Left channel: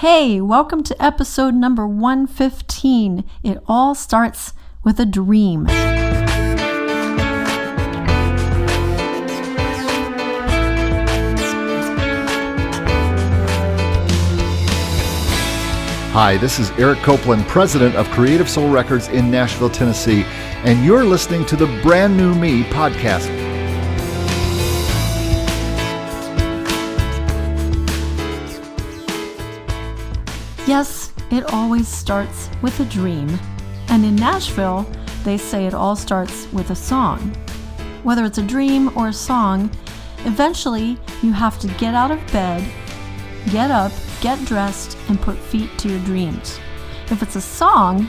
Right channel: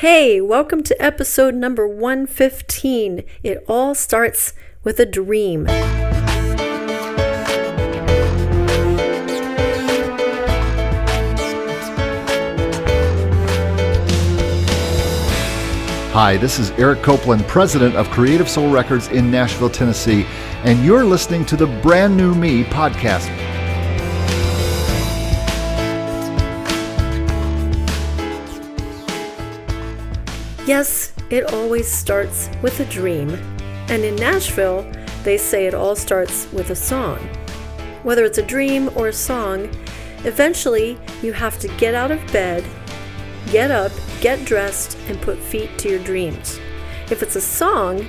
Hey, welcome to episode number 115. It all starts with a dream. Hi, this is Eric Copeland, president of Creative Soul Records in Nashville, Tennessee, and you're listening to the Brand New Me podcast. Yes, it always starts with a dream. And in Nashville, they say it all starts with a song. Whether it's a dream or a song, eventually you have to get out of bed, get up, get dressed, and put feet to your dreams. If it's a song,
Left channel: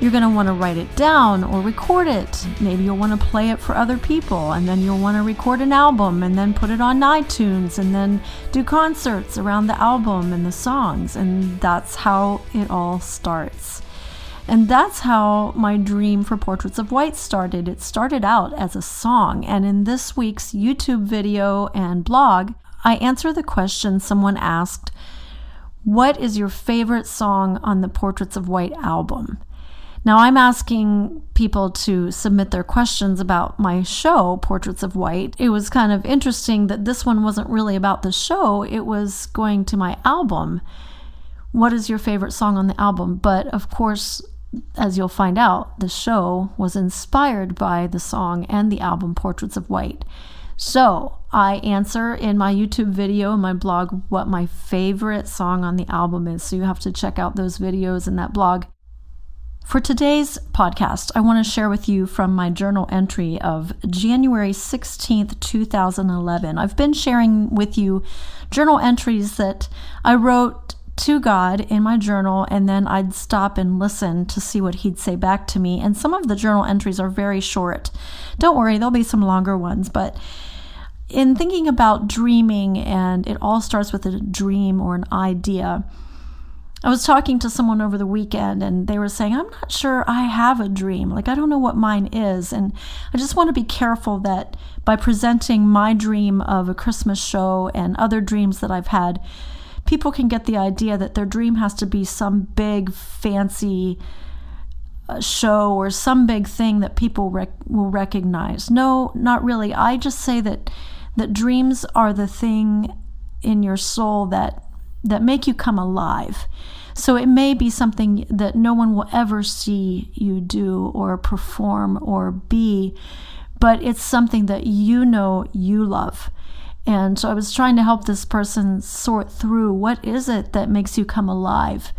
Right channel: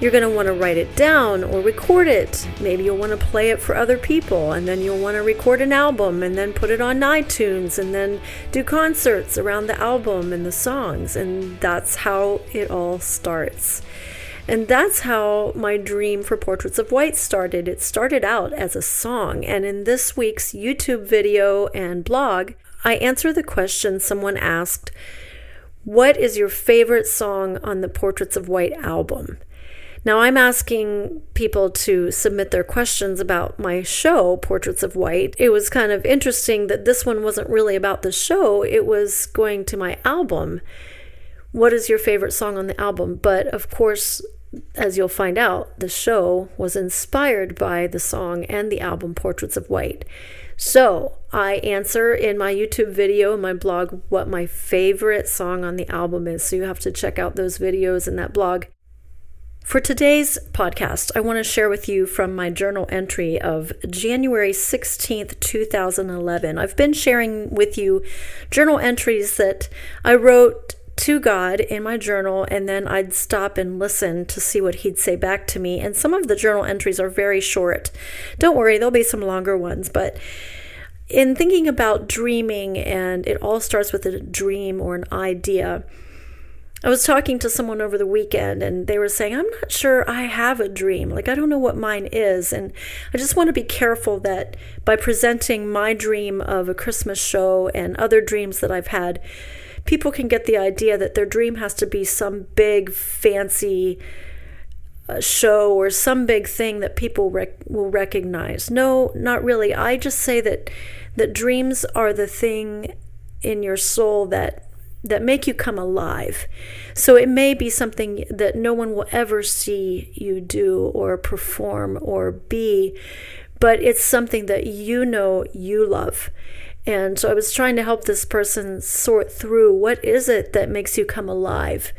you're going to want to write it down or record it. Maybe you'll want to play it for other people, and then you'll want to record an album and then put it on iTunes and then do concerts around the album and the songs. And that's how it all starts. And that's how my dream for Portraits of White started. It started out as a song. And in this week's YouTube video and blog, I answer the question someone asked, what is your favorite song on the Portraits of White album? Now, I'm asking people to submit their questions about my show, Portraits of White. It was kind of interesting that this one wasn't really about the show. It was going to my album. What is your favorite song on the album? But of course, as you'll find out, the show was inspired by the song and the album Portraits of White. So I answer in my YouTube video and my blog what my favorite song on the album is. So you have to check out those videos and that blog. For today's podcast, I want to share with you from my journal entry of January 16th, 2011. I've been sharing with you journal entries that I wrote to God in my journal, and then I'd stop and listen to see what he'd say back to me. And some of the journal entries are very short. Don't worry, there'll be some longer ones, but in thinking about dreaming, and it all starts with a dream or an idea, I was talking to someone over the weekend and they were saying, I'm not sure I have a dream. Like, I don't know what mine is. And I just want to be careful that by presenting my dream of a Christmas show and other dreams that I've had, people can get the idea that their dream has to be some big fancy show or some big thing that people will recognize. No, not really. I just say that dreams are the thing in your soul that make you come alive. So it may be something that no one will ever see you do or perform or be, but it's something that you know you love. And so I was trying to help this person sort through what is it that makes you come alive.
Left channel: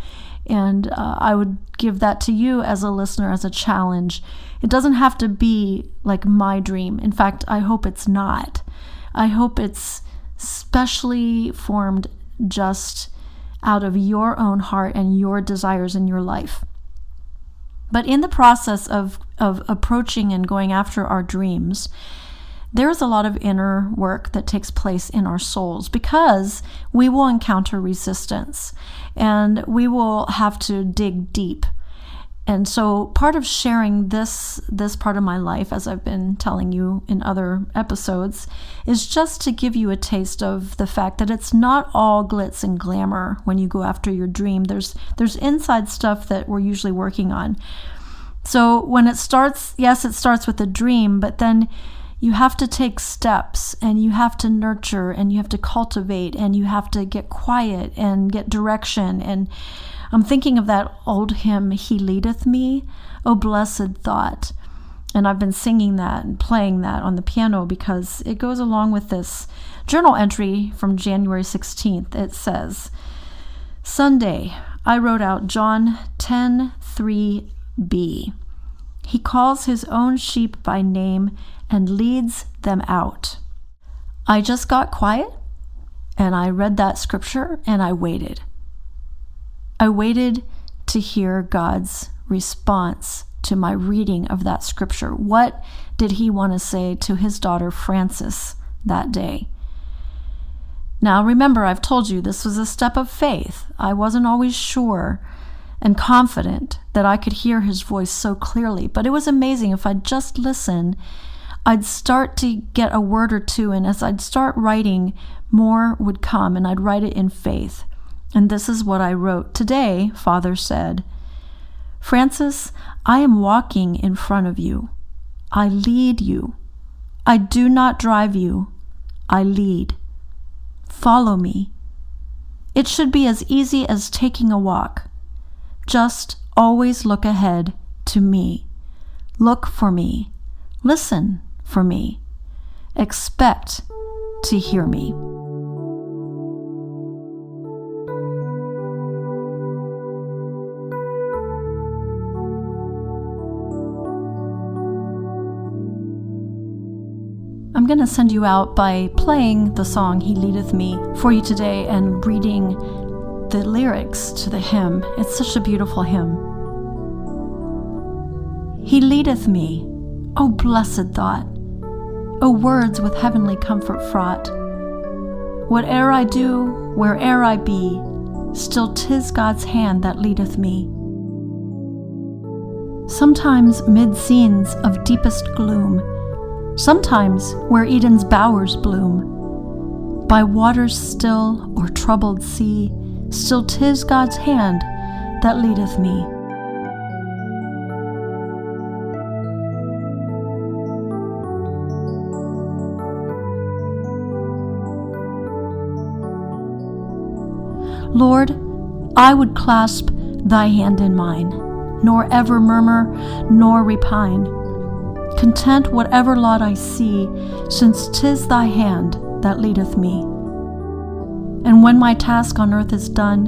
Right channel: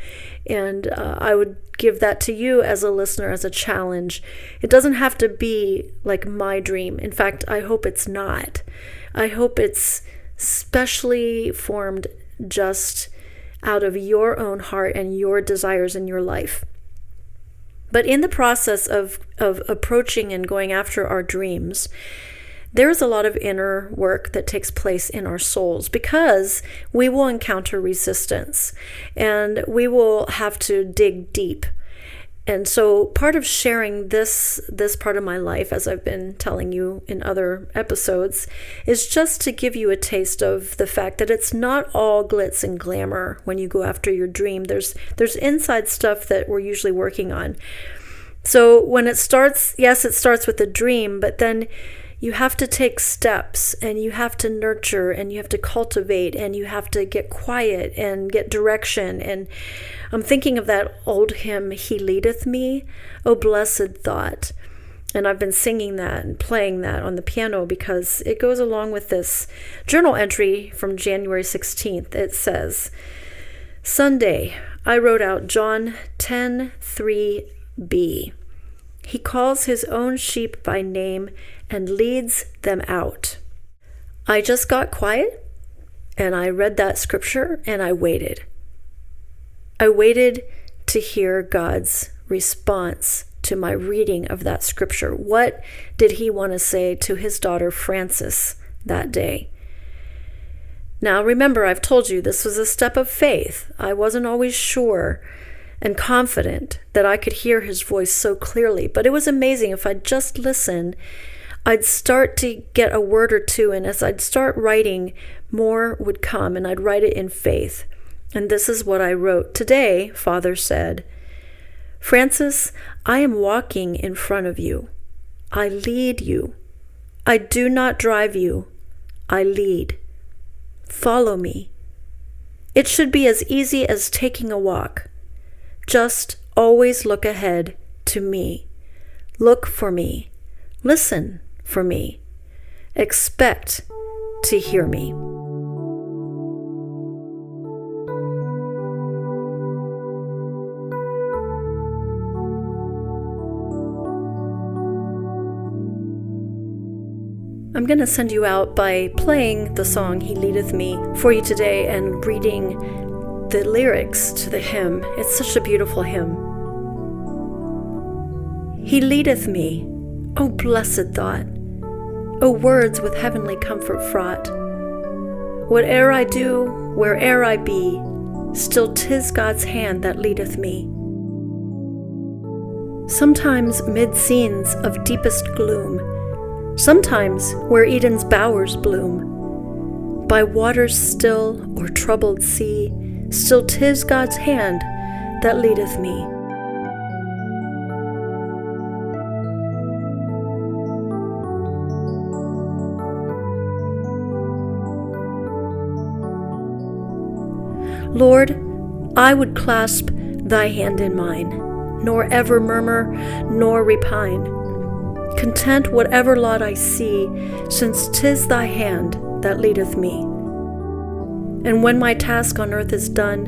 And I would give that to you as a listener as a challenge. It doesn't have to be like my dream. In fact, I hope it's not. I hope it's specially formed just out of your own heart and your desires in your life. But in the process of approaching and going after our dreams, there is a lot of inner work that takes place in our souls because we will encounter resistance and we will have to dig deep. And so part of sharing this part of my life, as I've been telling you in other episodes, is just to give you a taste of the fact that it's not all glitz and glamour when you go after your dream. There's inside stuff that we're usually working on. So when it starts, yes, it starts with a dream, but then you have to take steps and you have to nurture and you have to cultivate and you have to get quiet and get direction. And I'm thinking of that old hymn, He Leadeth Me, O Blessed Thought. And I've been singing that and playing that on the piano because it goes along with this journal entry from January 16th. It says, Sunday, I wrote out John 10:3b. He calls his own sheep by name and leads them out. I just got quiet and I read that scripture and I waited. I waited to hear God's response to my reading of that scripture. What did he want to say to his daughter Frances that day? Now remember, I've told you this was a step of faith. I wasn't always sure and confident that I could hear his voice so clearly, but it was amazing. If I'd just listen, I'd start to get a word or two, and as I'd start writing, more would come, and I'd write it in faith. And this is what I wrote. Today, Father said, Francis, I am walking in front of you. I lead you. I do not drive you. I lead. Follow me. It should be as easy as taking a walk. Just always look ahead to me. Look for me. Listen for me. Expect to hear me. I'm going to send you out by playing the song He Leadeth Me for you today and reading the lyrics to the hymn. It's such a beautiful hymn. He leadeth me, O blessed thought, O words with heavenly comfort fraught. Whate'er I do, where'er I be, still 'tis God's hand that leadeth me. Sometimes mid scenes of deepest gloom, sometimes where Eden's bowers bloom, by waters still or troubled sea, still 'tis God's hand that leadeth me. Lord, I would clasp thy hand in mine, nor ever murmur nor repine, content whatever lot I see, since 'tis thy hand that leadeth me. And when my task on earth is done,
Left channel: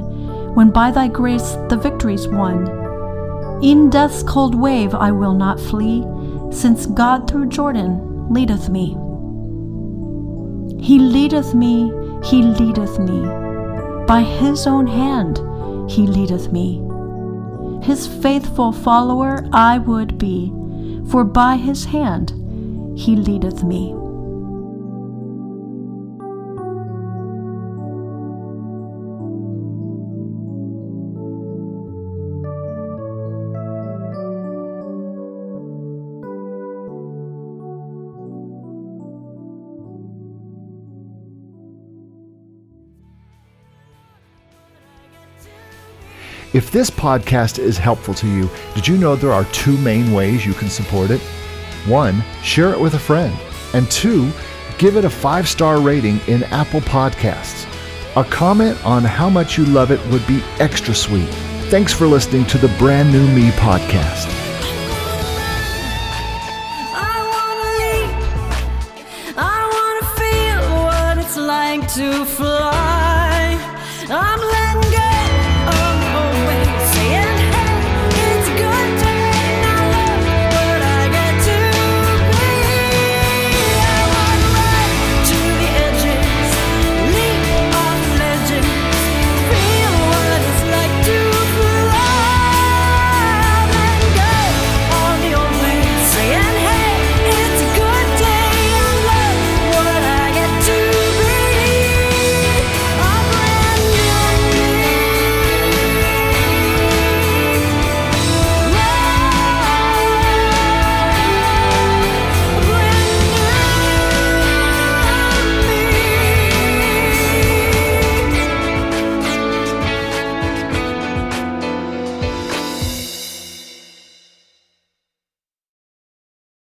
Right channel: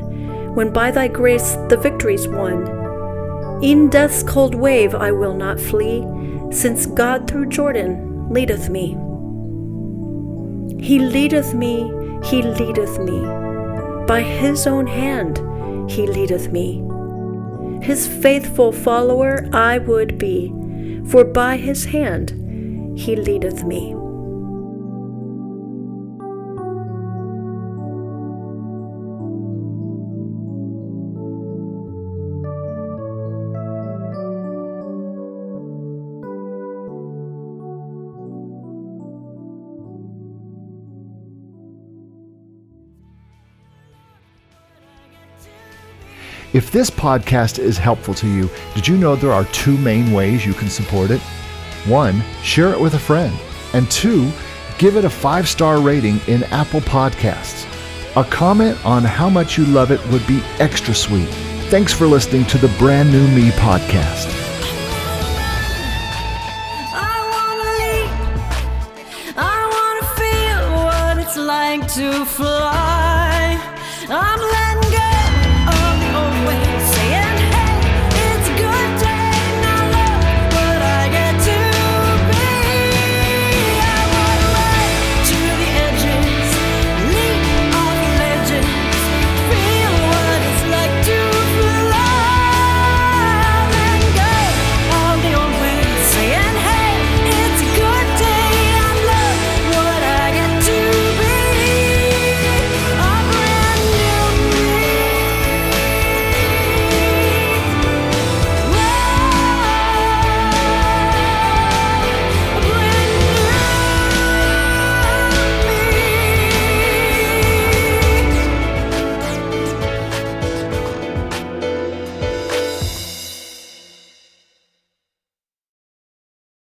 when by thy grace the victory's won, e'en death's cold wave I will not flee, since God through Jordan leadeth me. He leadeth me, he leadeth me, by his own hand he leadeth me. His faithful follower I would be, for by his hand he leadeth me. If this podcast is helpful to you, did you know there are 2 main ways you can support it? 1, share it with a friend. And 2, give it a 5-star rating in Apple Podcasts. A comment on how much you love it would be extra sweet. Thanks for listening to the Brand New Me podcast. I wanna feel what it's like to fly. I'm letting go.